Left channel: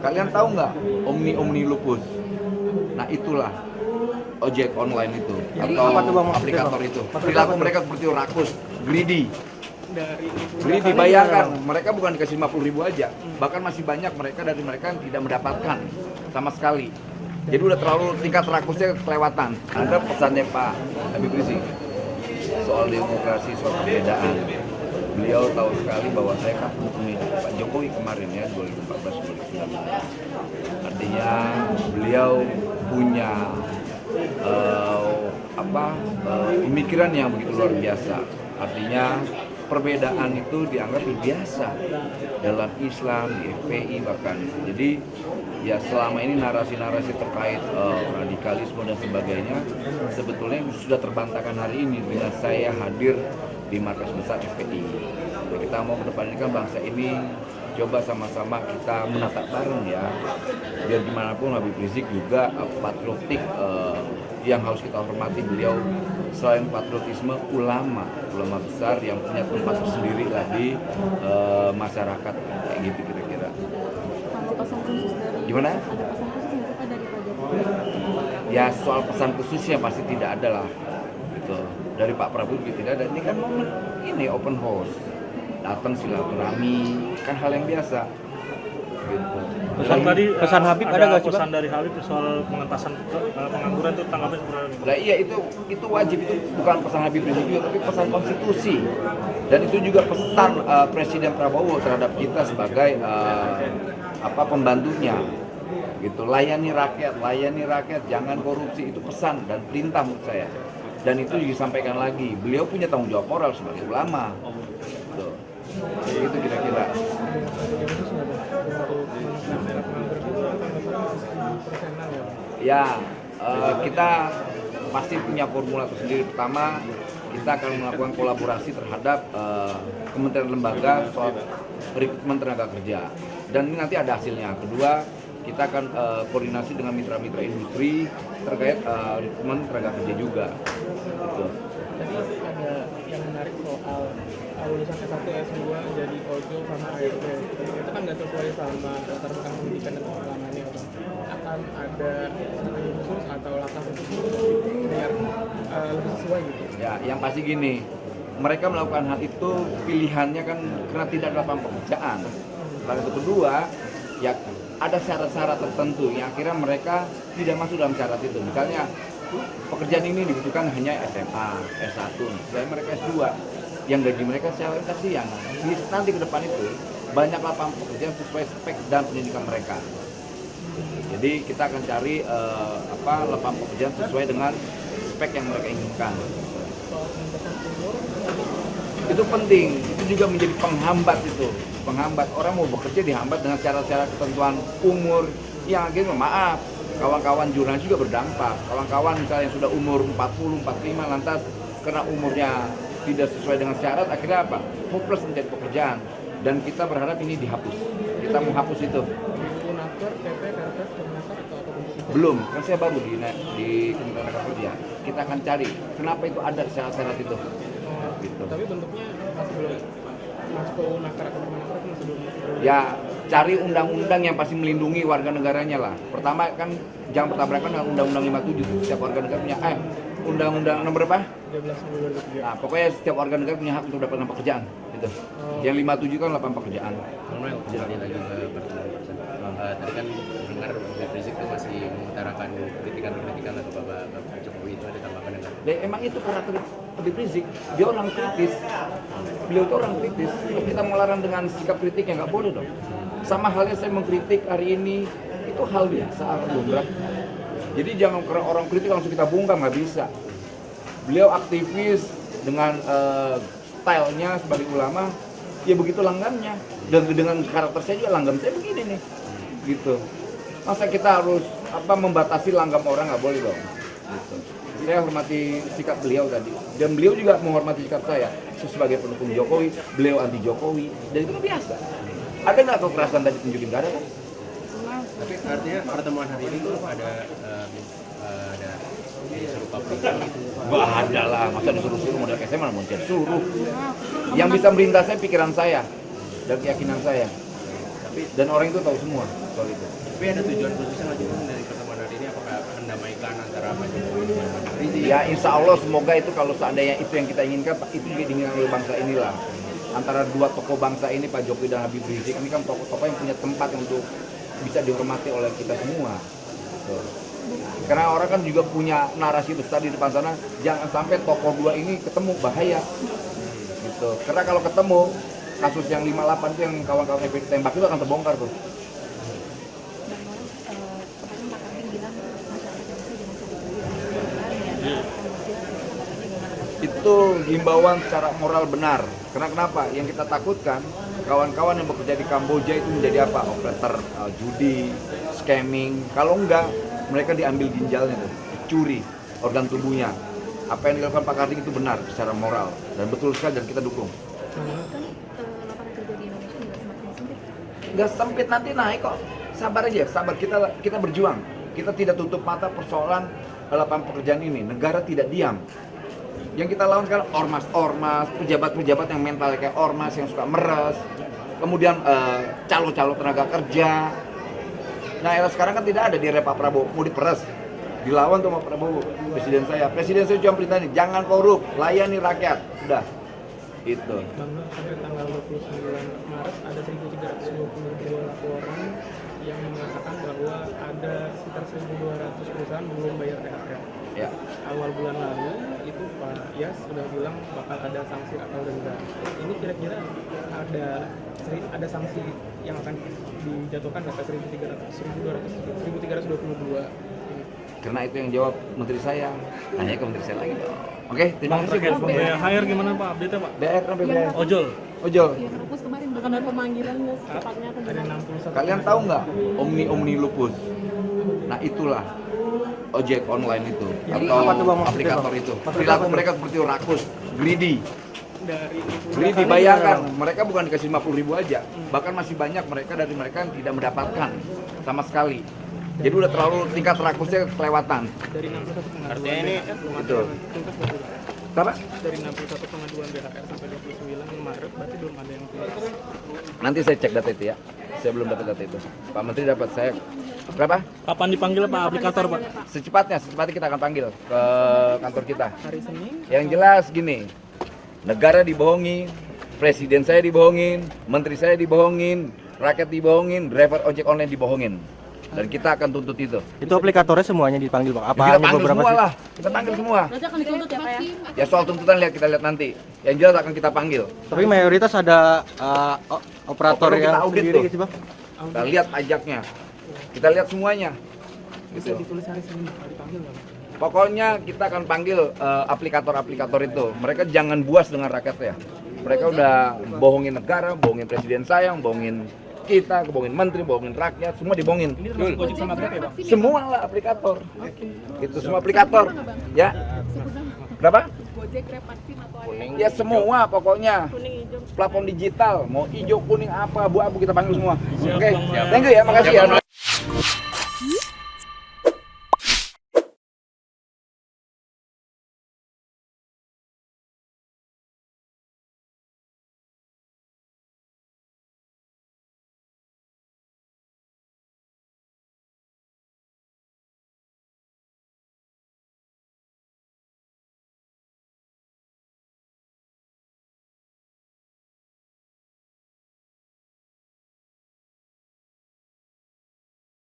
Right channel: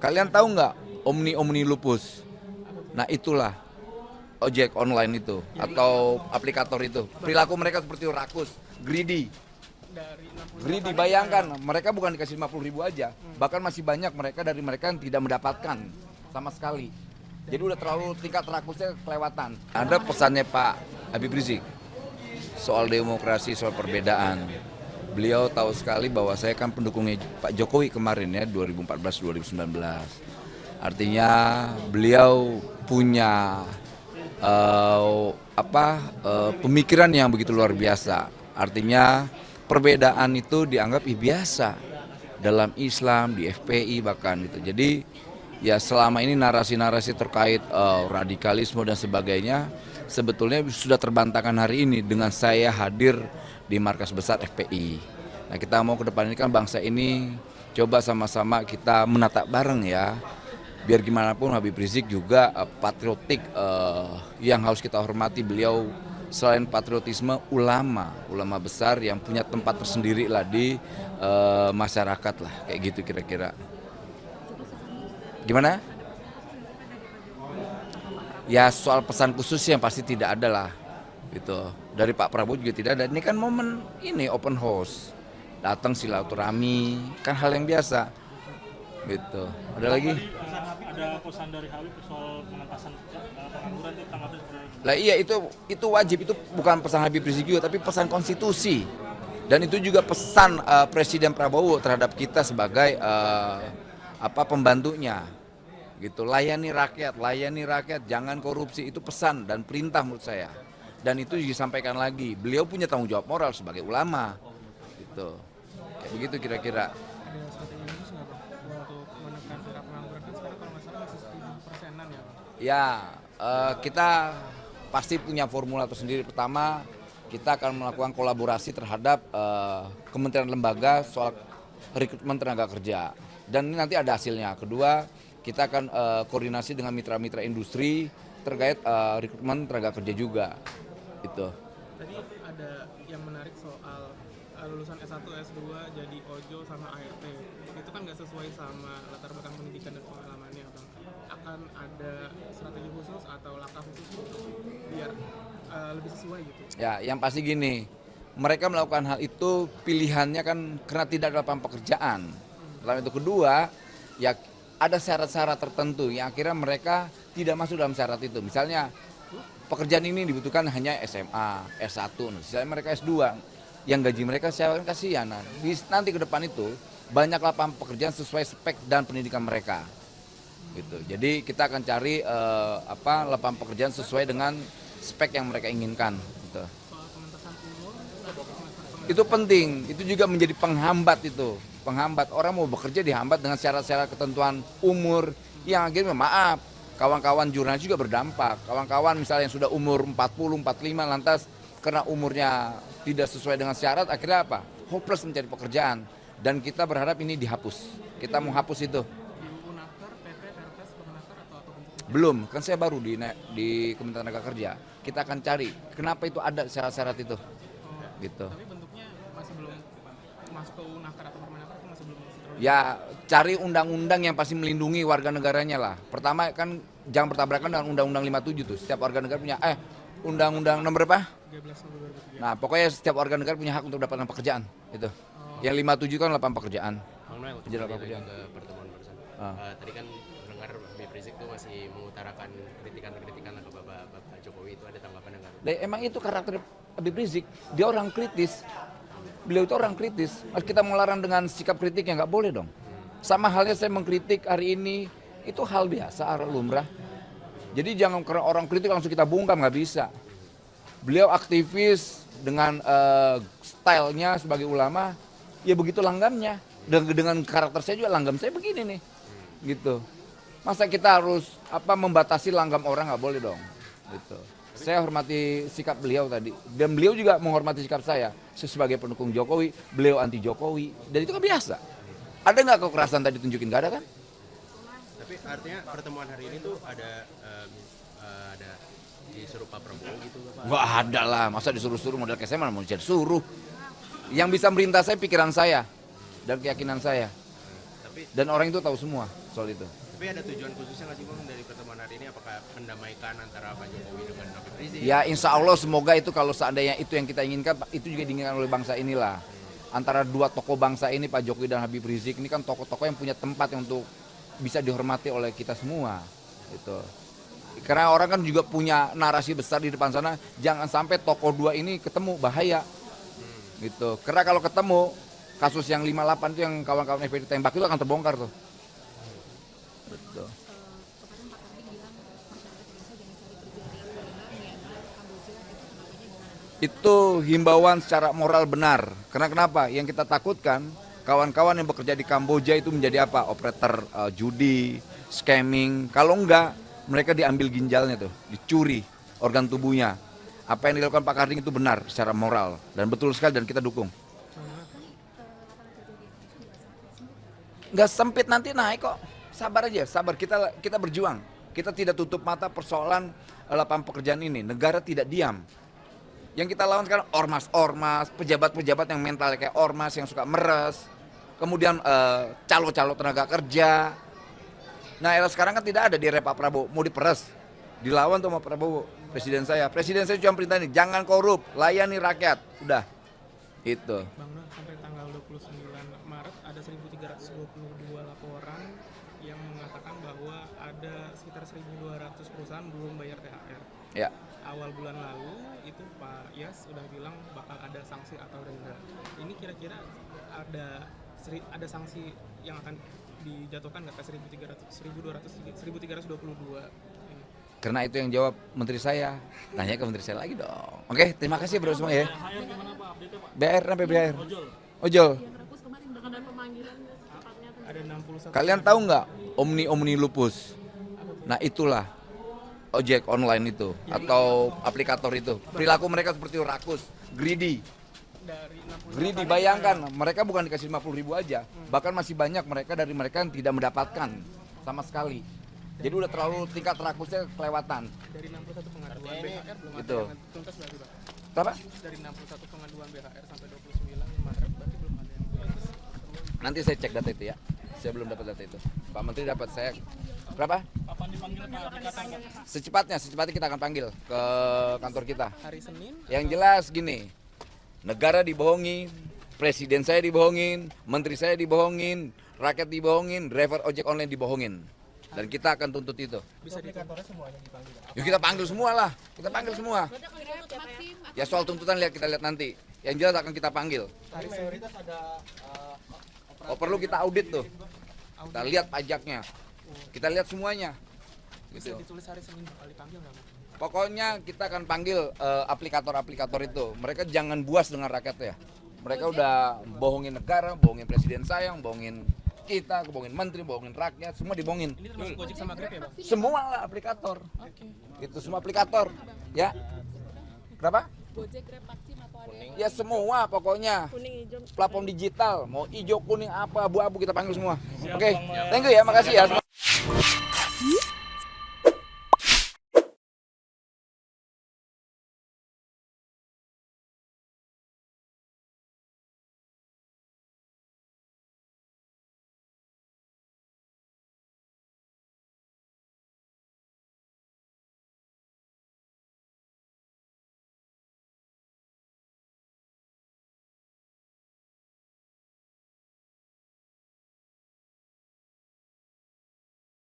Kalian tahu nggak Omni Lupus? Nah itulah ojek online itu atau aplikator itu. Perilaku mereka seperti rakus, greedy. Greedy, bayangkan mereka bukan dikasih 50.000 aja, bahkan masih banyak dari mereka yang tidak mendapatkan sama sekali. Jadi udah terlalu tingkat rakusnya kelewatan. Ada pesannya Pak Habib Rizik soal demokrasi, soal perbedaan. Beliau tahu sekali bahwa saya kan pendukungnya Pak Jokowi kemarin ya 2014-2019. Artinya beliau punya pemikiran yang begitu luar biasa. Artinya perbedaan itu dianggap biasa dalam Islam, di FPI bahkan. Jadi ya selama ini narasi-narasi terkait radikalisme dan sebagainya sebetulnya sudah terbantahkan hari ini dengan saya hadir di markas besar FPI. Ya, kita mau ke depan ini kan bangsa ini coba sama-sama kita menatap bareng ya. Biar gimana pun Habib Rizik juga patriotik yang harus kita hormati. Beliau selain patriotisme ulama besar yang punya tempat tersendiri lah di masyarakat lah, kayak gitu kira-kira. Gimana? Ya soal pesan khususnya pasti tidak ada lah, gitu. Dari Pak Prabowo juga tidak ada. Ini kan momen ini open house, datang silaturahmi, kan hal yang biasa, gitu. Pesan Habib ada nggak pesan dari Habib soal pengentasan pengangguran itu tanggapan sebenarnya? Lah iya itu wajib, itu bukan pesan Habib Rizik juga tapi pesan konstitusi. Dan itu juga pesan Presiden Prabowo terhadap kita sebagai pembantunya. Gitu. Layani rakyat, jangan korupsi, itu pesan dan perintah menurut saya. Dan itu disampaikan lagi. Beliau punya tanggung jawab moral sebagai ulama. Gitu. Gitu kira-kira. Ya, kita pasti punya formula tersendiri. Pertama, kita akan melakukan kolaborasi terhadap kementerian lembaga soal rekrutmen tenaga kerja. Dan ini nanti ada hasilnya. Kedua, kita akan koordinasi dengan mitra-mitra industri terkait rekrutmen tenaga kerja juga. Gitu. Tadi ada yang menarik soal lulusan S1, S2 jadi ojol sama ART. Itu kan nggak sesuai sama latar belakang pendidikan dan pengalamannya, Bang. Akan ada strategi khusus atau langkah khusus biar lebih sesuai gitu. Ya, yang pasti gini, mereka melakukan hal itu pilihannya kan karena tidak ada lapangan pekerjaan. Lalu itu kedua, ya ada syarat-syarat tertentu yang akhirnya mereka tidak masuk dalam syarat itu. Misalnya pekerjaan ini dibutuhkan hanya SMA, S1, misalnya mereka S2, yang gaji mereka saya kasihan. Nanti ke depan itu banyak lapangan pekerjaan sesuai spek dan pendidikan mereka. Gitu. Jadi kita akan cari lapangan pekerjaan sesuai dengan spek yang mereka inginkan. Gitu. Itu penting, itu juga menjadi penghambat itu. Penghambat orang mau bekerja dihambat dengan syarat-syarat ketentuan umur yang akhirnya maaf. Kawan-kawan jurnalis juga berdampak. Kawan-kawan misalnya yang sudah umur 40, 45 lantas karena umurnya tidak sesuai dengan syarat akhirnya apa? Hopeless mencari pekerjaan. Dan kita berharap ini dihapus. Kita mau hapus itu. Belum, kan saya baru di Kementerian Tenaga Kerja. Kita akan cari kenapa itu ada syarat-syarat itu. Gitu. Tapi bentuknya masih belum masuk ke Unaker atau Kemenaker itu masih belum. Ya cari undang-undang yang pasti melindungi warga negaranya lah. Pertama kan jangan bertabrakan dengan Undang-Undang 57 tuh. Setiap warga negara punya Undang-Undang nomor berapa? 13/2003. Nah, pokoknya setiap warga negara punya hak untuk dapat pekerjaan gitu. Yang 57 kan lapangan pekerjaan. Tadi kan dengar Habib Rizik itu masih mengutarakan kritikan atau Bapak Jokowi itu ada tanggapan yang Dan emang itu karakter Habib Rizik, dia orang kritis. Beliau itu orang kritis. Kita melarang dengan sikap kritik yang nggak boleh dong. Sama halnya saya mengkritik hari ini, itu hal biasa, lumrah. Jadi jangan karena orang kritik langsung kita bungkam, nggak bisa. Beliau aktivis dengan stylenya sebagai ulama, ya begitu langgamnya. Dan dengan karakter saya juga langgam saya begini nih, gitu. Masa kita harus membatasi langgam orang, nggak boleh dong. Gitu. Saya hormati sikap beliau tadi, dan beliau juga menghormati sikap saya. Saya sebagai pendukung Jokowi, beliau anti Jokowi, dan itu kan biasa. Ada nggak kekerasan tadi tunjukin? Nggak ada kan? Oke, artinya pertemuan hari ini tuh ada disuruh publik gitu. Nggak ada lah, masa disuruh-suruh model kayak saya malah mau jadi suruh. Yang bisa merintah saya pikiran saya dan keyakinan saya. Dan orang itu tahu semua soal itu. Tapi ada tujuan khususnya nggak sih Bang, dari pertemuan hari ini, apakah mendamaikan antara Pak Jokowi dengan Pak Rizik? Ya insya Allah semoga itu kalau seandainya itu yang kita inginkan, itu juga diinginkan oleh bangsa inilah. Antara dua tokoh bangsa ini, Pak Jokowi dan Habib Rizik, ini kan tokoh-tokoh yang punya tempat yang untuk bisa dihormati oleh kita semua. Gitu. Karena orang kan juga punya narasi besar di depan sana, jangan sampai tokoh dua ini ketemu, bahaya. Gitu. Karena kalau ketemu, kasus yang 58 itu yang kawan-kawan FPI ditembak itu akan terbongkar tuh. Bang Noel, kemarin Pak Karding bilang masyarakat Indonesia jangan Itu himbauan secara moral benar. Karena kenapa? Yang kita takutkan kawan-kawan yang bekerja di Kamboja itu menjadi apa? Operator judi, scamming. Kalau enggak, mereka diambil ginjalnya tuh, dicuri organ tubuhnya. Apa yang dilakukan Pak Karding itu benar secara moral dan betul sekali dan kita dukung. kan lapangan kerja di Indonesia juga semakin sempit. Nggak sempit, nanti naik kok. Sabar aja, sabar. Kita berjuang. Kita tidak tutup mata persoalan lapangan pekerjaan ini. Negara tidak diam. Yang kita lawan sekarang ormas-ormas, pejabat-pejabat yang mentalnya kayak ormas, yang suka meres. Kemudian calo-calo tenaga kerja. Nah era sekarang kan tidak ada di era Pak Prabowo, mau diperes. Dilawan tuh sama Prabowo, presiden saya. Presiden saya cuma perintah ini, jangan korup, layani rakyat. Udah, itu. Bang Noel, sampai tanggal 29 Maret ada 1.322 laporan yang mengatakan bahwa ada sekitar 1.200 perusahaan belum bayar THR. Ya. Awal bulan lalu itu Pak Yas sudah bilang bakal ada sanksi atau denda. Ini kira-kira ada sanksi yang akan dijatuhkan ke 1.322 ini. Karena itu yang jawab menteri saya. Tanya ke menteri saya lagi dong. Oke, terima kasih Bos Boy. BHR gimana Pak update-nya Pak? BR sampai BR. Ojol. Ojol. Yang lupus kemarin bahkan ada pemanggilannya secepatnya kan Ada 61. Kalian tahu nggak Omni Lupus? Nah itulah ojek online itu atau aplikator itu. Perilaku mereka seperti rakus, greedy. Greedy, bayangkan mereka bukan dikasih 50.000 aja, bahkan masih banyak dari mereka yang tidak mendapatkan sama sekali. Jadi udah terlalu tingkat rakusnya kelewatan. Dari 61 pengaduan. Artinya ini Itu. Tuntas berapa? Apa? Dari 61 pengaduan BHR sampai 29 Maret berarti belum ada yang tuntas. Nanti saya cek data itu ya. Saya belum dapat data itu. Pak Menteri dapat, saya berapa? Kapan dipanggil Pak aplikator Pak? Secepatnya kita akan panggil ke kantor kita. Hari Senin Yang jelas gini, negara dibohongi, presiden saya dibohongin, menteri saya dibohongin, rakyat dibohongin, driver ojek online dibohongin. Dan kita akan tuntut itu. Itu aplikatornya semuanya dipanggil Pak? Apa Kita hanya panggil beberapa semua sih? lah, kita panggil semua. Berarti akan dituntut ya Pak ya? Ya soal tuntutan kita lihat nanti. Yang jelas akan kita panggil. Tapi mayoritas ada operator Operator kita yang audit sendiri tuh. gitu Bang? Kita lihat pajaknya, kita lihat semuanya. bisa ditulis hari Senin Pak dipanggil nggak? Pokoknya kita akan panggil aplikator-aplikator itu. Mereka jangan buas dengan rakyatnya. Mereka udah bohongin negara, bohongin presiden saya, bohongin kita, bohongin menteri, bohongin rakyat, semua dibohongin. Ini termasuk Gojek sama Grab ya Bang? Semua lah aplikator. Itu semua aplikator. Ya. Berapa? Gojek, Grab, Vaksin atau ada Ya semua pokoknya. kuning hijau. Platform digital, mau hijau, kuning, apa, abu-abu kita panggil semua. Siap, Oke, Bang Noel. thank you ya, makasih ya.